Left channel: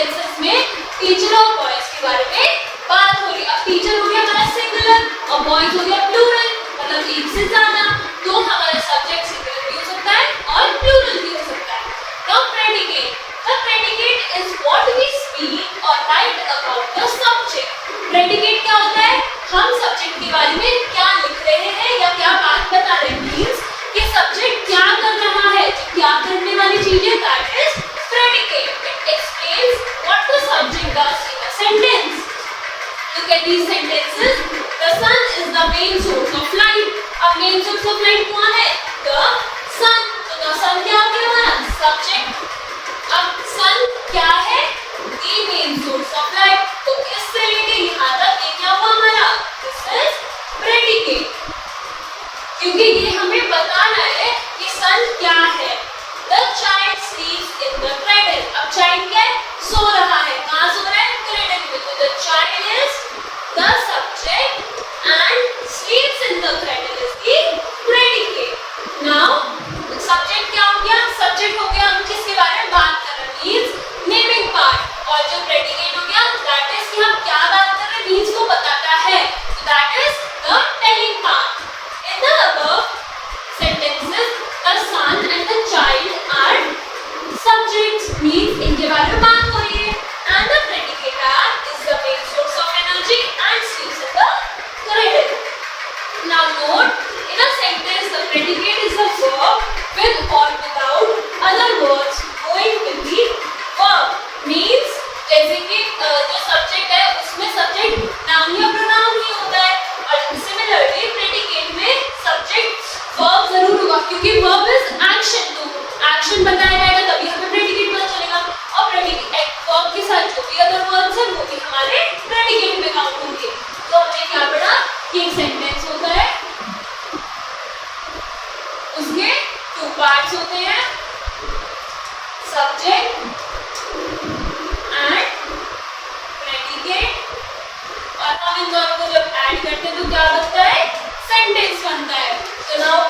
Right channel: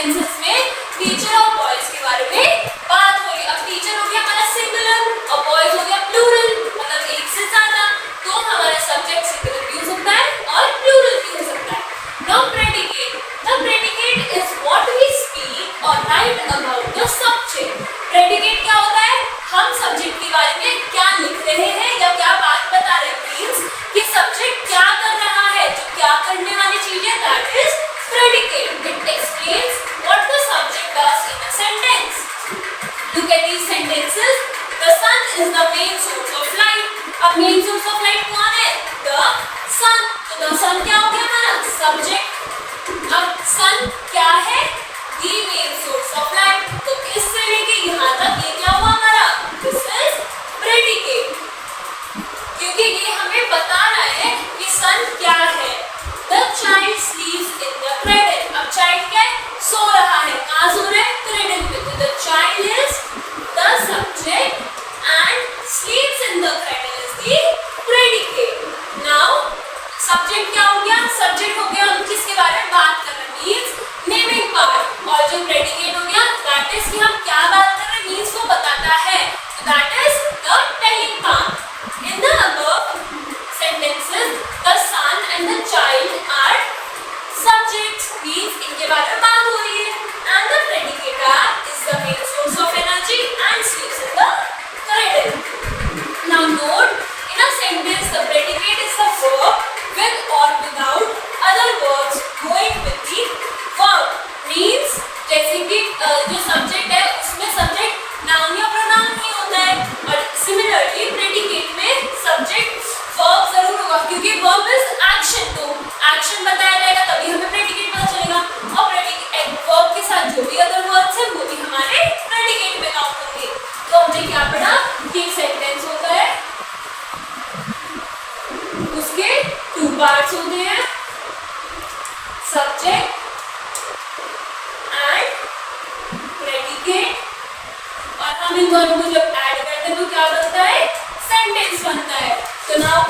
Sentences में teacher और boys के बारे में बात हो रही है। अब टीचर हो गया हमारा सिंगुलर और बॉयज हो गया प्लूरल, मतलब एक से ज्यादा, तो हमारा सब्जेक्ट सिंगुलर भी हो सकता है और प्लूरल भी हो सकता है। Now predicate, the predicate is what we speak और write about the subject. Predicate क्या होता है? हम सब्जेक्ट के बारे में क्या लिख रहे हैं या क्या बात बता रहे हैं, मींस कि सब्जेक्ट क्या कर रहा है, जो क्या करने वाली चीज है, that is predicate. It explains what the subject does in a sentence. Look at these sentences. The sun is the main source of light. अब main source of light कौन है? The sun. तो the sun क्या हो गया हमारा? Subject. अब sun क्या है? The main source of light. तो इससे लेके यहाँ तक ये क्या हुआ हमारा? This is predicate. क्योंकि ये हमें बताना है कि sun क्या है. The child sleeps in the cradle. अब child क्या है? सो रहा है. कहाँ सो रहा है? Cradle में. तो the child is the subject and sleeps in the cradle is the predicate. Now subject क्या हो गया? Subject हो गया हम किसके बारे में बात कर रहे हैं, means naming part, और जो predicate हो गया that is कि हम क्या बात कर रहे हैं, means वो बताता है, so that is the telling part. In the above sentences the son and the child are subjects, means इनके बारे में बात हो रही है, and the predicator is the main source of energy and sleeps in the cradle. Now note, in a sentence the predicate is the verb with or without other verbs going with the verb, means जैसे कि जो subject है उसमें subject noun या pronoun ही होता है, और similarly predicate में सब्जेक्ट वर्ब जरूर होगा, क्योंकि वर्ब इज एक्शन, तो एक्शन बताया जाएगा तभी हमें प्रेडिकेट पता चलेगा, और प्रेडिकेट वर्ब के साथ जो भी अदर वर्ब्स हैं वो भी हमारे प्रेडिकेट में काउंट होंगे। तो हमने क्या पढ़ा कि एक सेंटेंस होता है, उसके टू पार्ट्स होते हैं, सब्जेक्ट एंड प्रेडिकेट, और हम इन दोनों को जब ऐड करते हैं तो क्या बनता है? सेंटेंस बनता है। तो नाउ